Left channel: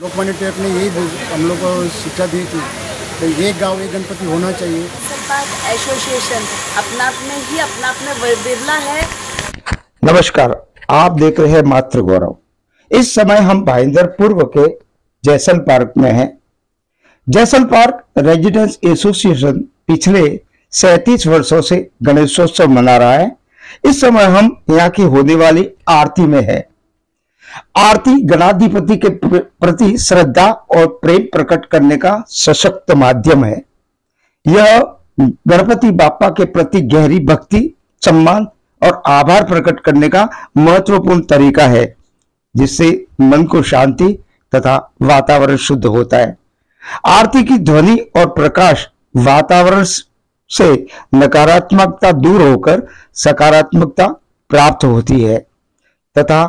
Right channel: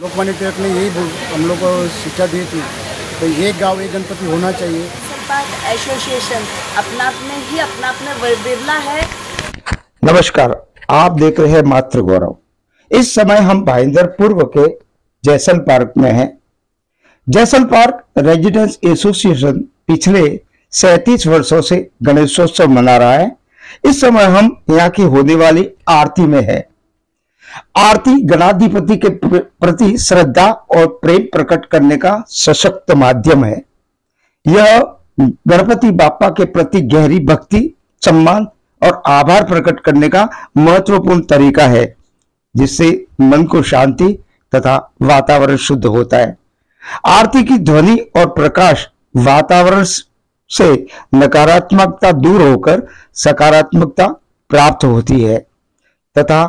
लोकमान्य तिलक ने यही हम लोग को शिक्षा दी थी तो एक गांव एक गणपति होना चाहिए। पार्क एसोसिएशन अपना आप में ही अपना आप में बिरला है। नमस्कार, आप देख रहे हैं मातृ गौरव। इस समय हम भाईंदर पूर्व के जैसल पार्क में हैं। जैसल पार्क रेजिडेंस एसोसिएशन पिछले 37 वर्षों से गणेशोत्सव मना रहा है। इस समय हम यहाँ की होने वाली आरती में है। आरती गणाधिपति के प्रति श्रद्धा और प्रेम प्रकट करने का सशक्त माध्यम है। यह गणपति बाप्पा के प्रति गहरी भक्ति, सम्मान और आभार प्रकट करने का महत्वपूर्ण तरीका है, जिससे मन को शांति तथा वातावरण शुद्ध होता है। आरती की ध्वनि और प्रकाश वातावरण से नकारात्मकता दूर होकर सकारात्मकता प्राप्त होती है तथा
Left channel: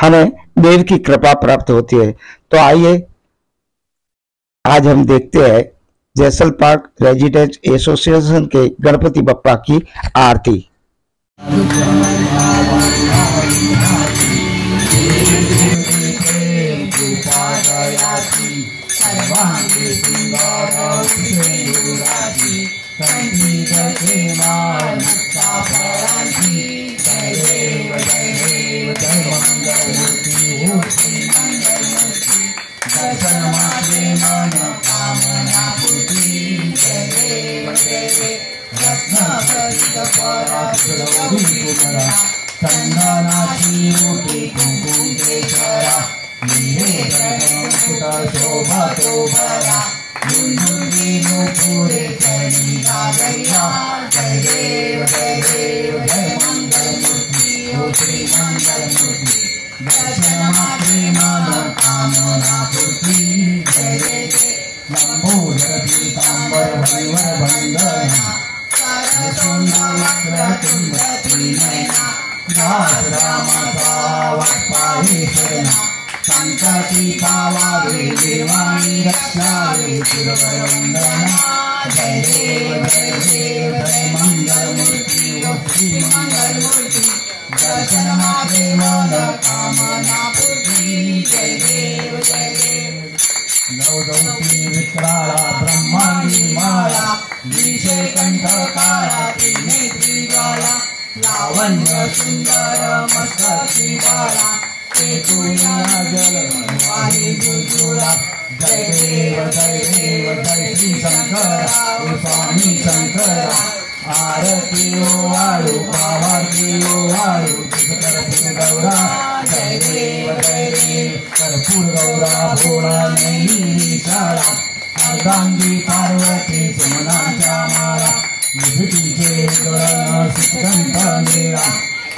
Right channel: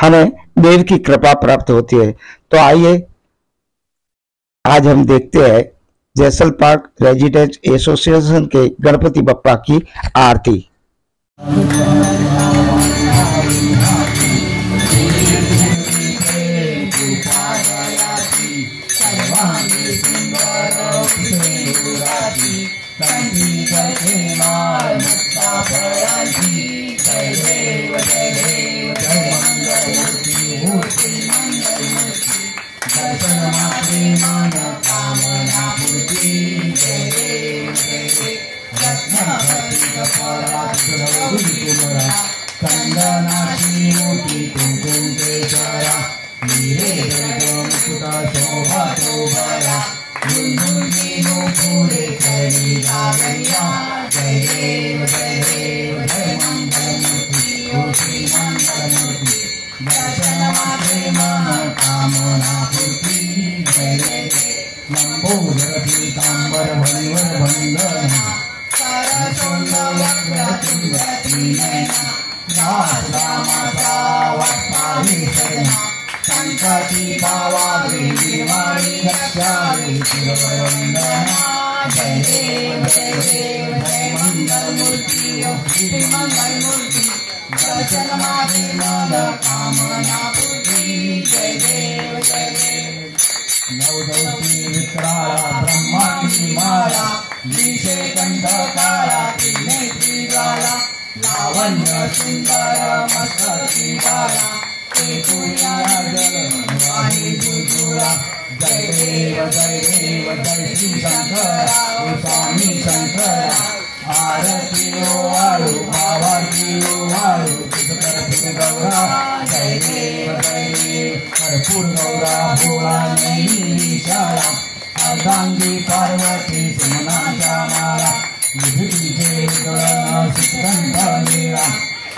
हमें देव की कृपा प्राप्त होती है। तो आइए आज हम देखते हैं जैसल पार्क रेजिडेंस एसोसिएशन के गणपति बप्पा की आरती।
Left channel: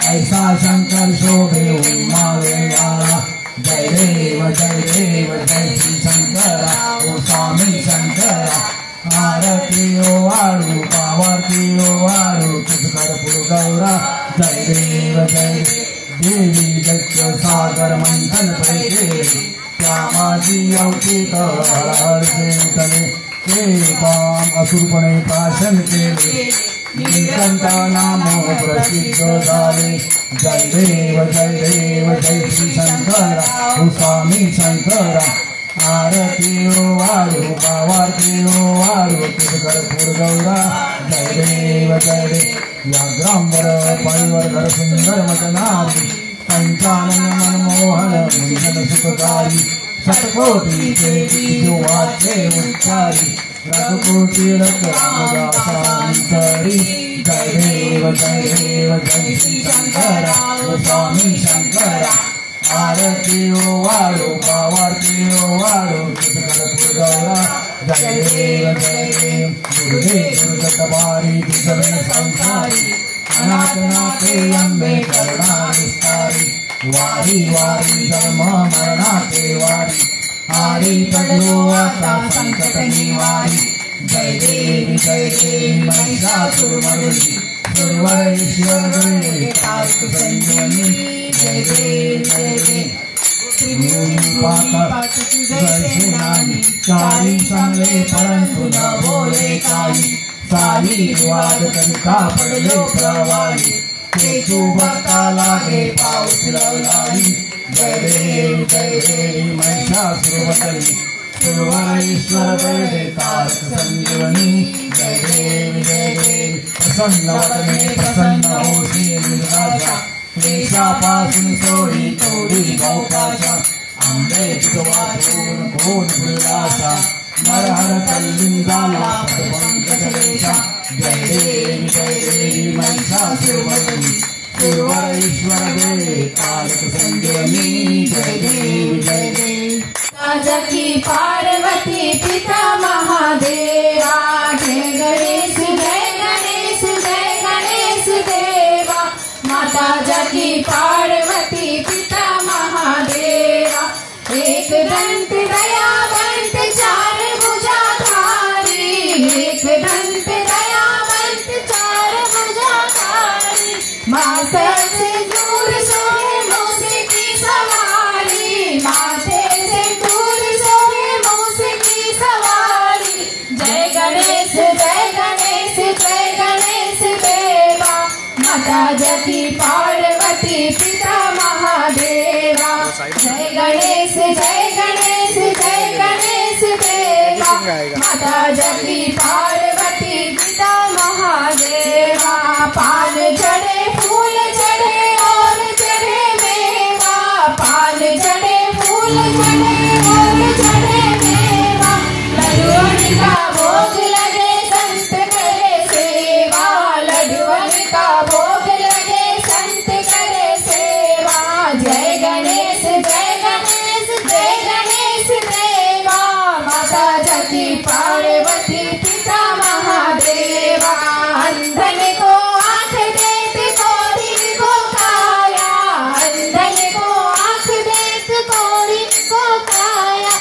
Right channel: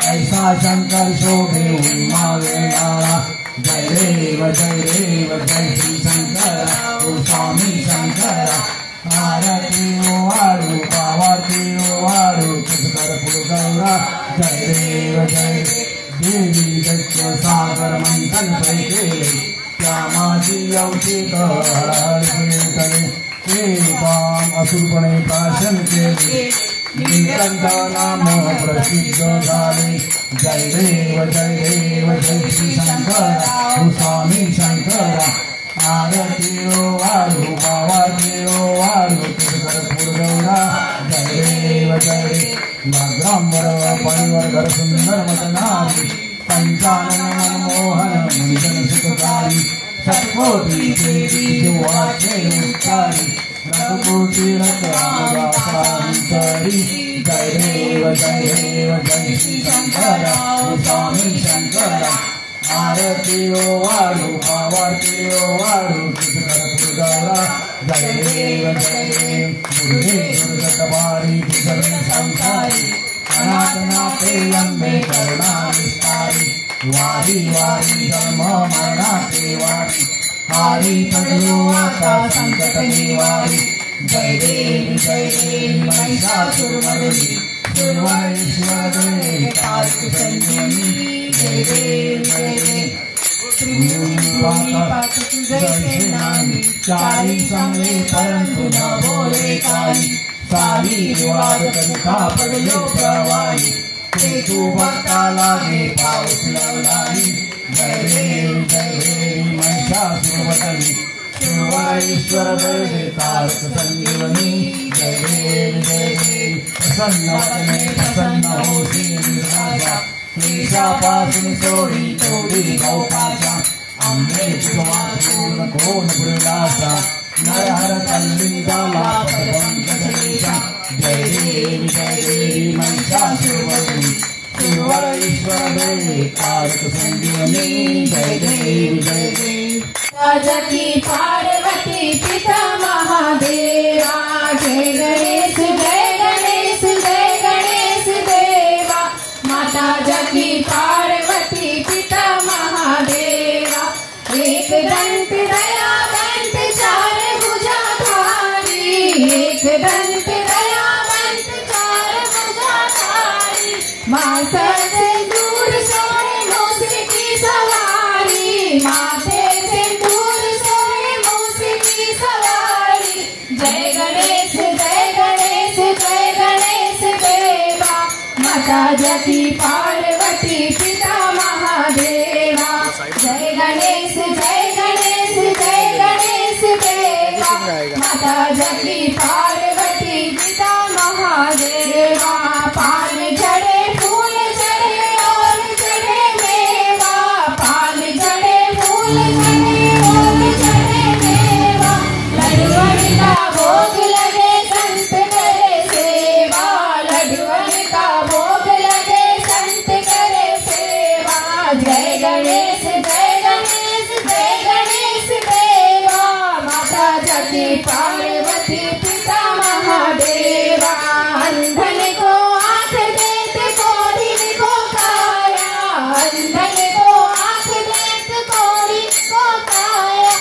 ऐसा शंकर शोभे उमावेला। जय देव जय श्री शंकर ओ स्वामी शंकर। आरती ओ आड़ू पावर्ती ओ आड़ू कर्पूर गौरा। जय देव देवी दक्ष सागर मंथन पैके श्यामाजी अवचित तले काम असुरपणे पाशन केले। नीलकंठ नाम प्रसिद्ध झाले। जय देव जय श्री शंकर ओ स्वामी शंकर। आरती ओ आळू पावाती ओ आळू कर्पूर गौरा। जय देव या ग्रामवर परिवर घर सुंदर मतनारी। पंचानन मनमोहन मंजन सुखकारी। सत्कोटीचे जो वाचे उच्चारी। रघुकोटी रत्नांतरी। जय देव जय श्री शंकर ओ स्वामी शंकर। आरती ओ आळू पावाती ओ आळू कर्पूर गौरा। जय देव दुर्गतवारी दुर्गम संसारी। अनाथनाथे अंबे करुणा विस्तारी। वारी धर्म मरणाचे वारी। हारी पडलो आता संकट निवारी। जय देवी महिषासुरमर्दिनी। दुर्वरेश्वर देवी कार्तिक संजीवनी। जय देव चारी चांगले परंतु न बोले काही। सारी विवाद कविता पडले प्रवाही। तेजू भक्ता लागे पाऊस लावलाही जय देवी महिषासुरवदनी शिवईश्वर जय देतात संजीवनी जय देवी प्रसन्न वदने प्रसन्न होती निराशा क्लेशापासून सोडी तोडी गौपाशा आंबे चितवापूर्ण घोर विलासा नरहर कल्ली झाला पदपंकजलेशा जय देवी महिषासुरवदनी शिवईश्वर जय देतात संजीवनी जय देवी जकी पार्वती पिता महादेवा जय गणेश जय गणेश जय गणेश देवा माता जकी पार्वती पिता महादेवा एक दंत दयावंत चार भुजाधारी एक दंत दयावंत चार भुजाधारी माता से दूर सोहे मोसे की सवारी माथे जकी पार्वती पिता महादेवा जय गणेश जय गणेश जय गणेश देवा माता जकी पार्वती पिता महादेवा पान चढ़े फूल चढ़े और चढ़े मेवा पान चढ़े फूल चढ़े और चढ़े मेवा लड्डुअन का भोग लगे संत करे सेवा लड्डुअन का भोग जय गणेश देवा माता जकी पार्वती पिता महादेवा अंधन को आँख देते कोरी को काया अंधन को आँख देते कोरी को काया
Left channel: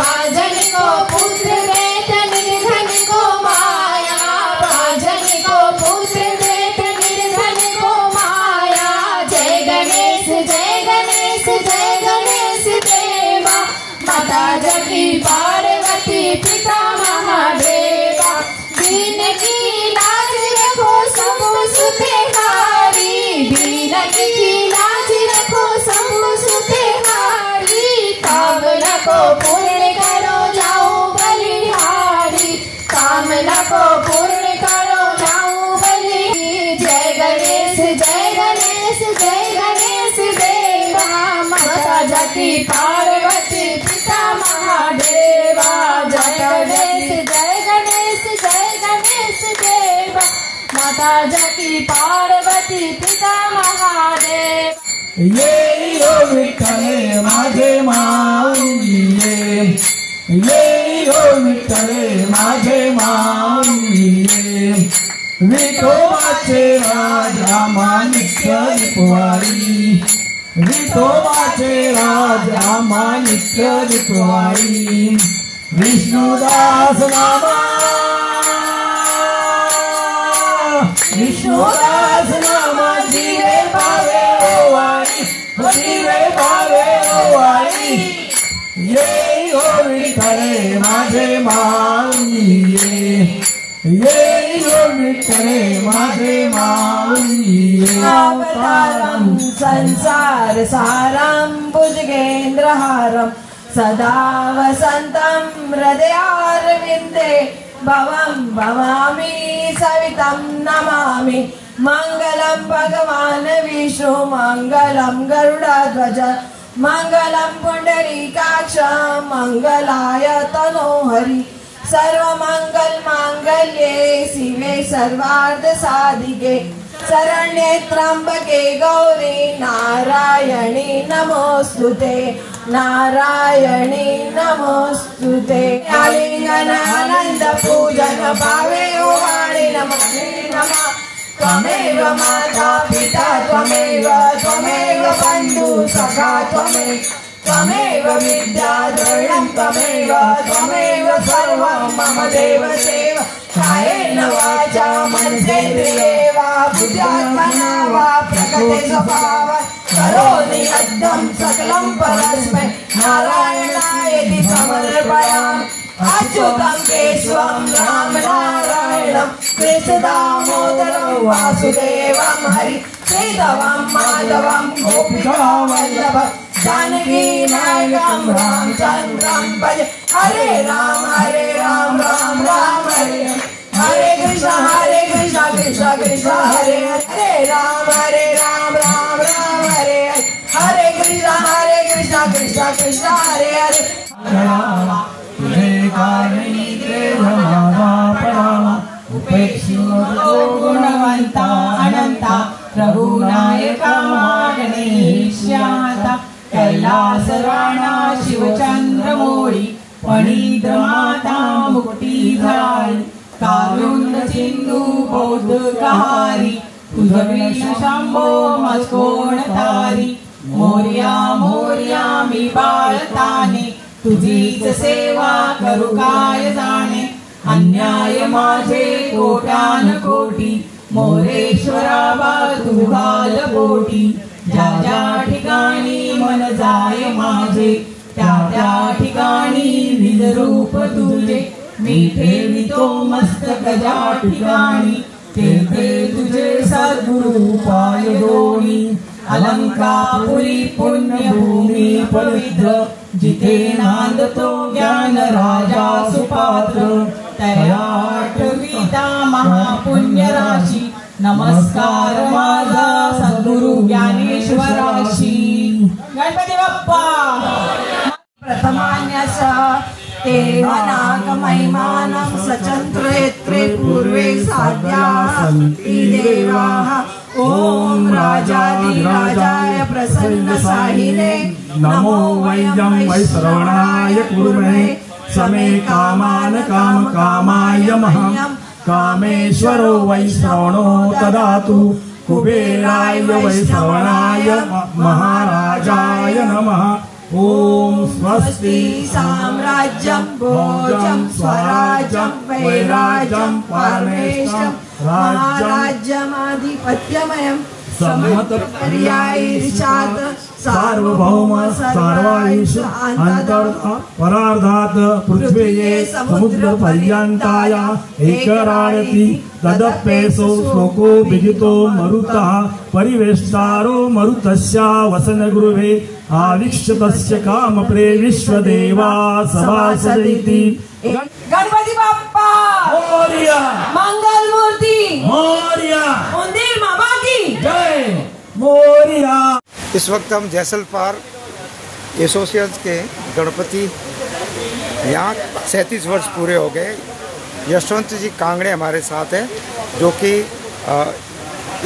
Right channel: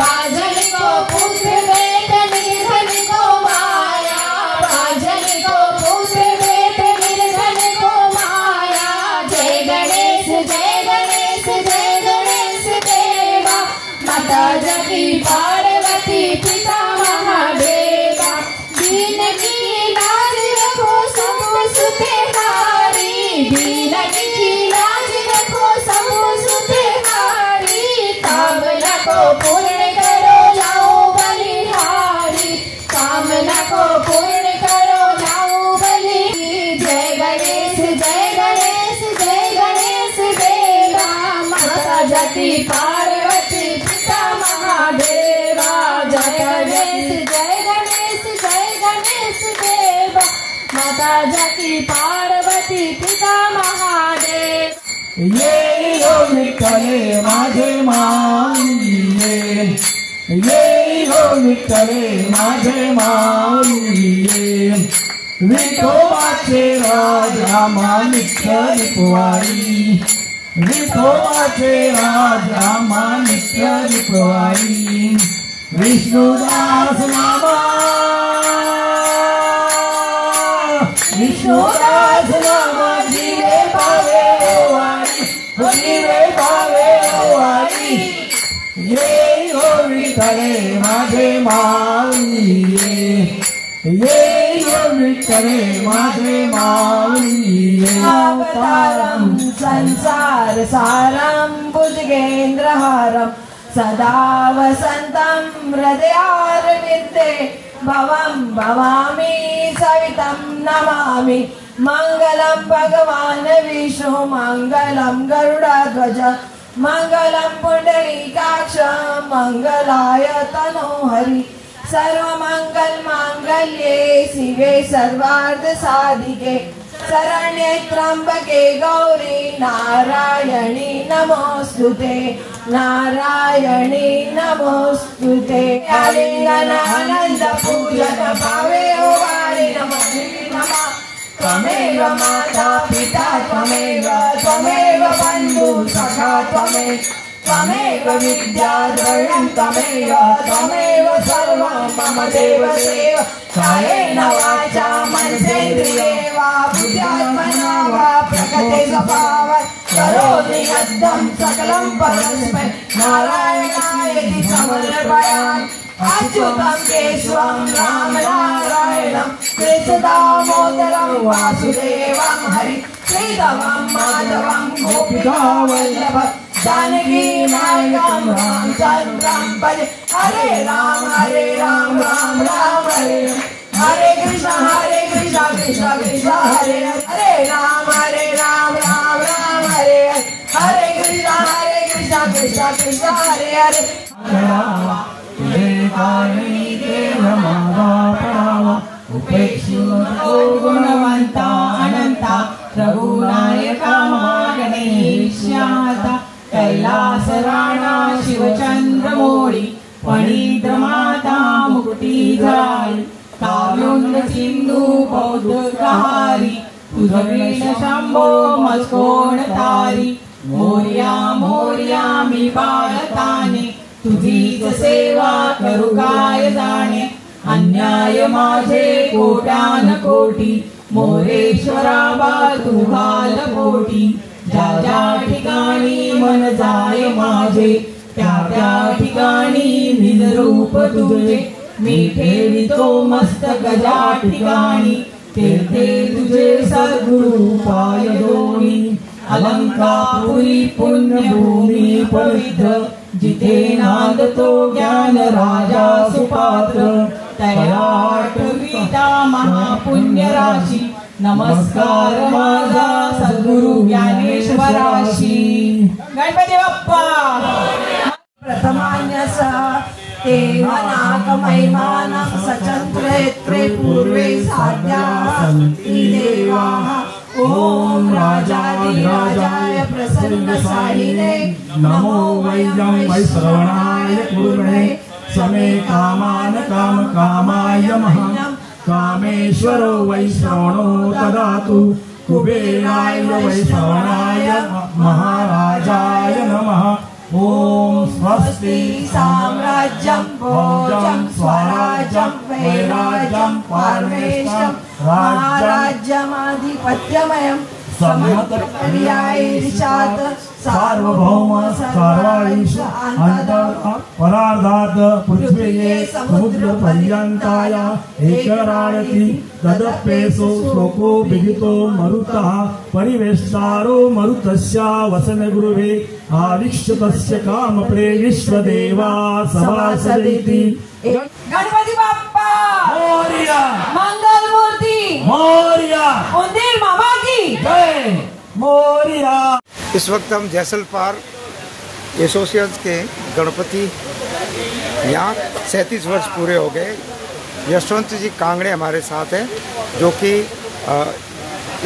बाजन को पुत्र देते निर्धन को माया बाजन को पुत्र देते निर्धन को माया जय गणेश देवा माता जकी पार्वती पिता महादेवा दीन की लाज रखो सब सुते नारी दीन की लाज रखो सब सुते नारी कामना को पूर्ण करो जाओ बलिहारी कामना को पूर्ण करो जाओ बलि जय गणेश देवा माता जकी पार्वती पिता महादेवा जय गणेश देवा माता जकी पार्वती पिता महादेव ये हो विठ्ठले माझे माऊली ये हो विठ्ठले माझे माऊली विठोबाचे राज आमानित्य रिपवारी विठोबाचे राज आमानित्य रिपवारी विष्णुदास नामा जीवे भावे ओवारी ये हो विठ्ठले माझे माऊली ये हो विठ्ठले माझे माऊली अवतारं संसार सारं भुजगेन्द्रहारं सदा वसन्तं हृदयारविन्दे भवं भवामि सवितं नमामि मङ्गलं भगवान् विष्णु मङ्गलं गरुडध्वज मङ्गलं पुण्डरीकाक्ष मङ्गलाय तनोहरि सर्वमंगल मांगल्ये शिवे सर्वार्थ साधिके शरण्ये त्र्यंबके गौरी नारायणी नमोस्तुते नारायणी नमोस्तुते आलिंगनानंद पूजन भावे ओ वाणी नमः त्वमेव माता पिता त्वमेव बन्धु सखा त्वमेव विद्याधरणं त्वमेव सर्वं मम देवदेव कायेन वाचा मनसेन्द्रिये वा बुद्ध्यात्मना वा प्रकृते स्वभावात् करोमि यद्यं सकलं परस्मै नारायणायेति समर्पयामि अच्युतं केशवं राम नारायणं सुदामोदरं वासुदेवं हरि श्रीधवं माधवं गोपिकावल्लभं जानकी नायकं रामचन्द्रं भजे हरे राम राम राम हरे हरे कृष्ण कृष्ण कृष्ण हरे हरे राम राम हरे हरे कृष्ण कृष्ण हरे हरे उपेक्षितो गुणवंता अनंता रघुनायका गणेश्याता कैलास राणा शिवचंद्रमौळी फणीद्रमाता मुक्तिधारी कारुण्य सिंधू बौद्धकारी तुझवेश शंभो मस्कोण तारी मोर्या मोर्या मी बाळताने तुझीच सेवा करू काय जाणे अन्याय माझे कोट्यान कोटी मोरेश्वरा बा तू घाल पोटी ज्या ज्या ठिकाणी मन जाय माझे त्या त्या ठिकाणी निज रूप तुझे मी ठेवितो मस्तक ज्या ठिकाणी ते तुझे सद्गुरु पाय दोनी अलंकापुरी पुण्यभूमी पवित्र जिथे नांदतो ज्ञान राजा सुपात्र तयाठविता महापुण्य राशी नमस्कार माझा सद्गुरु ज्ञानेश्वराशी गणपती बाप्पा प्रथमान्यस देवनागमैमानं सचंत्रयत्रे पूर्वे साध्या सन्ति देवाः ओम राजाधिराजाय प्रसन्न साहिने नमो वै श्रवणाय कुर्महे समे कामान काम कामाय मह्यं कामेश्वरो वै श्रवणो ददातु कुबेराय वै श्रवणाय महाराजाय नमः ओम स्वस्ति साम्राज्यं भोजं स्वराज्यं वैराज्यं परमेशं महाराज्यमाधिपत्यमयं समपर्यायिषात् सार्वभौम सर्वायुष अंतर् परार्धात् पृथ्वीये समुद्र पर्यन्ताय एकराणति तदप्येषु श्लोको विदितो मरुतः परिवेष्टारो मरुतस्य वसनगृहे आविश्य तस्य काम प्रेविश्वदेवा सभासदिति गणपति बाप्पा मोरिया मंगल मूर्ति मोरिया मंदिर बाबा की जय मोरिया। इस वक्त हम जैसल पार्क एसोसिएशन के गणपति यहाँ 37 वर्ष पूरे हो गए। यशवंत जी कांगड़े हमारे साथ हैं जो कि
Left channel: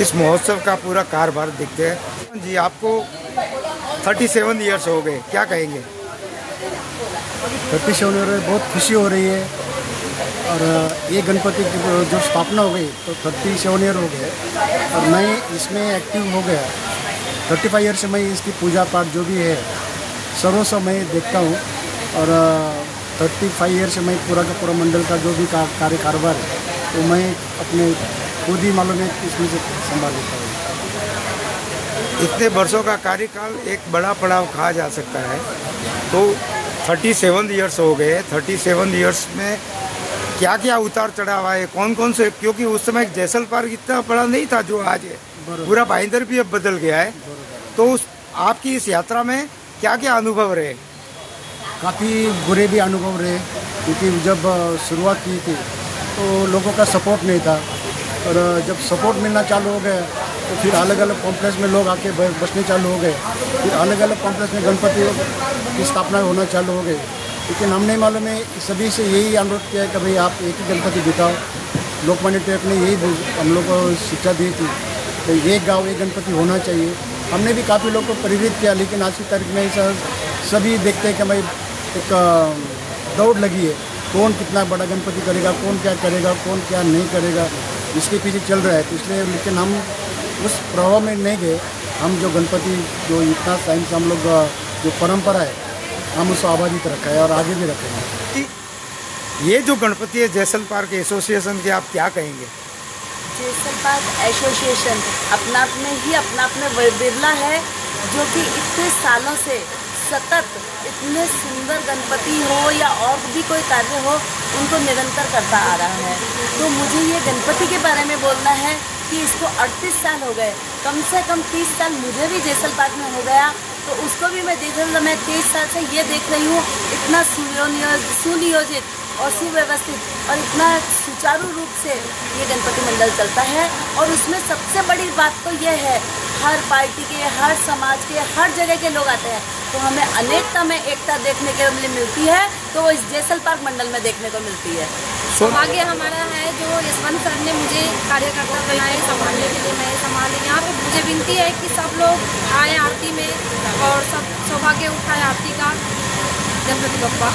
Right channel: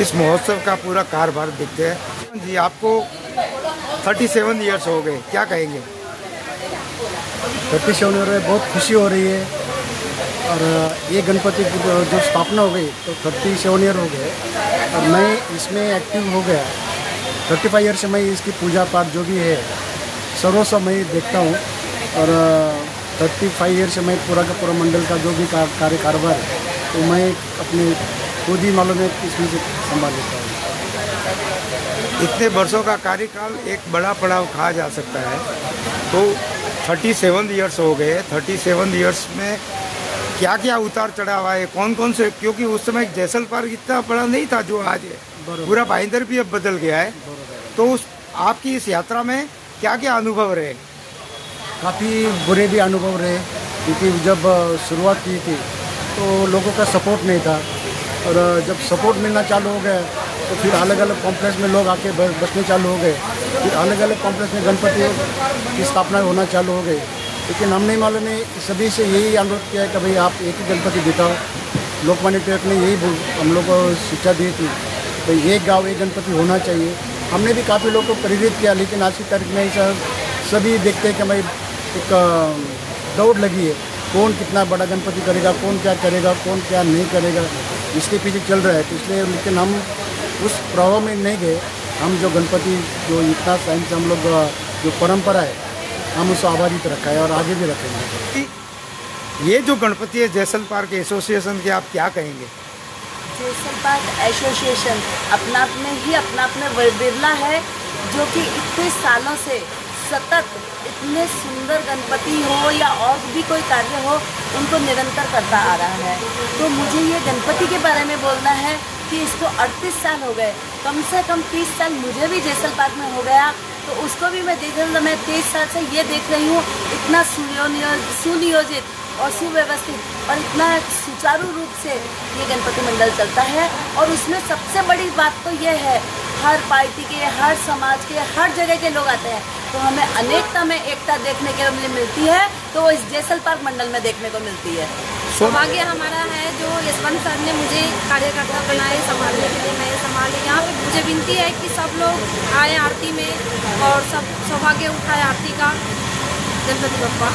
इस महोत्सव का पूरा कार्यभार देखते हैं। जी आपको 37 इयर्स हो गए, क्या कहेंगे? 37 ईयर में बहुत खुशी हो रही है और ये गणपति की जो स्थापना हो गई तो 37 ईयर हो गए और मैं इसमें एक्टिव हो गया। 35 ईयर से मैं इसकी पूजा पाठ जो भी है सर्वस्व मैं देखता हूँ और 35 ईयर से मैं पूरा का पूरा मंडल का जो भी कार्य कारोबार है तो मैं अपने खुद ही मालूम है इसमें से संभाल लेता हूँ। इतने वर्षों का कार्यकाल एक बड़ा पड़ाव कहा जा सकता है। तो 37 इयर्स हो गए। 37 इयर्स में क्या क्या उतार चढ़ाव आए, कौन कौन से, क्योंकि उस समय जैसल पार्क इतना बड़ा नहीं था जो आज है, पूरा भाईंदर भी अब बदल गया है। तो आपकी इस यात्रा में क्या क्या अनुभव रहे? काफ़ी बुरे भी अनुभव रहे क्योंकि जब शुरुआत की थी तो लोगों का सपोर्ट नहीं था और जब सपोर्ट मिलना चालू हो गया तो फिर अलग अलग कॉम्प्लेक्स में लोग आके बसने चालू हो गए। फिर अलग अलग कॉम्प्लेक्स में गणपति की स्थापना होना चालू हो गई। लेकिन हमने मालूम है सभी से यही अनुरोध किया है कि भाई आप एक ही गणपति बिठाओ। लोकमान्य तिलक ने यही हम लोग को शिक्षा दी थी भाई एक गांव एक गणपति होना चाहिए। हमने भी काफ़ी लोगों को प्रेरित किया लेकिन आज की तारीख में सभी देखते हैं कि भाई एक दौड़ लगी है, कौन कितना बड़ा गणपति करेगा, कौन क्या करेगा, कौन क्या नहीं करेगा, इसके पीछे चल रहा है। तो इसलिए लेकिन हम उस प्रभाव में नहीं गए। हम जो गणपति जो इतना टाइम से हम लोग जो परंपरा है हम उसको आबादित रखा है और आगे भी रखेंगे। ये जो गणपति है जैसल पार्क एसोसिएशन के, आप क्या कहेंगे? जैसल पार्क एसोसिएशन अपना आप में विरला है जो कि इतने सालों से सतत इतने सुंदर गणपति हो या और भी कोई कार्य हो उनको निरंतर करता आ रहा है। तो मुझे ये गणपति के बारे में बोलना है कि इसको 38 साल हो गए, कम से कम 30 साल मुझे भी जैसल पार्क में हो गया। तो उसको भी मैं देख रही हूँ, मैं 23 साल से ये देख रही हूँ, इतना सुनियोजित और सुव्यवस्थित और इतना सुचारू रूप से ये गणपति मंडल चलता है। और उसमें सबसे बड़ी बात तो ये है, हर पार्टी के, हर समाज के, हर जगह के लोग आते हैं। तो हमें अनेकता में एकता देखने के लिए मिलती है, तो वो इस जैसल पार्क मंडल में देखने को मिलती है। सौभाग्य हमारा है जो यशवंत सर ने मुझे कार्यकर्ता बनाए, संभालने के लिए मैं संभाली। यहाँ पे मुझे विनती है कि सब लोग आए आरती में और सब सौभाग्य उठाए आरती का। गणपति बप्पा।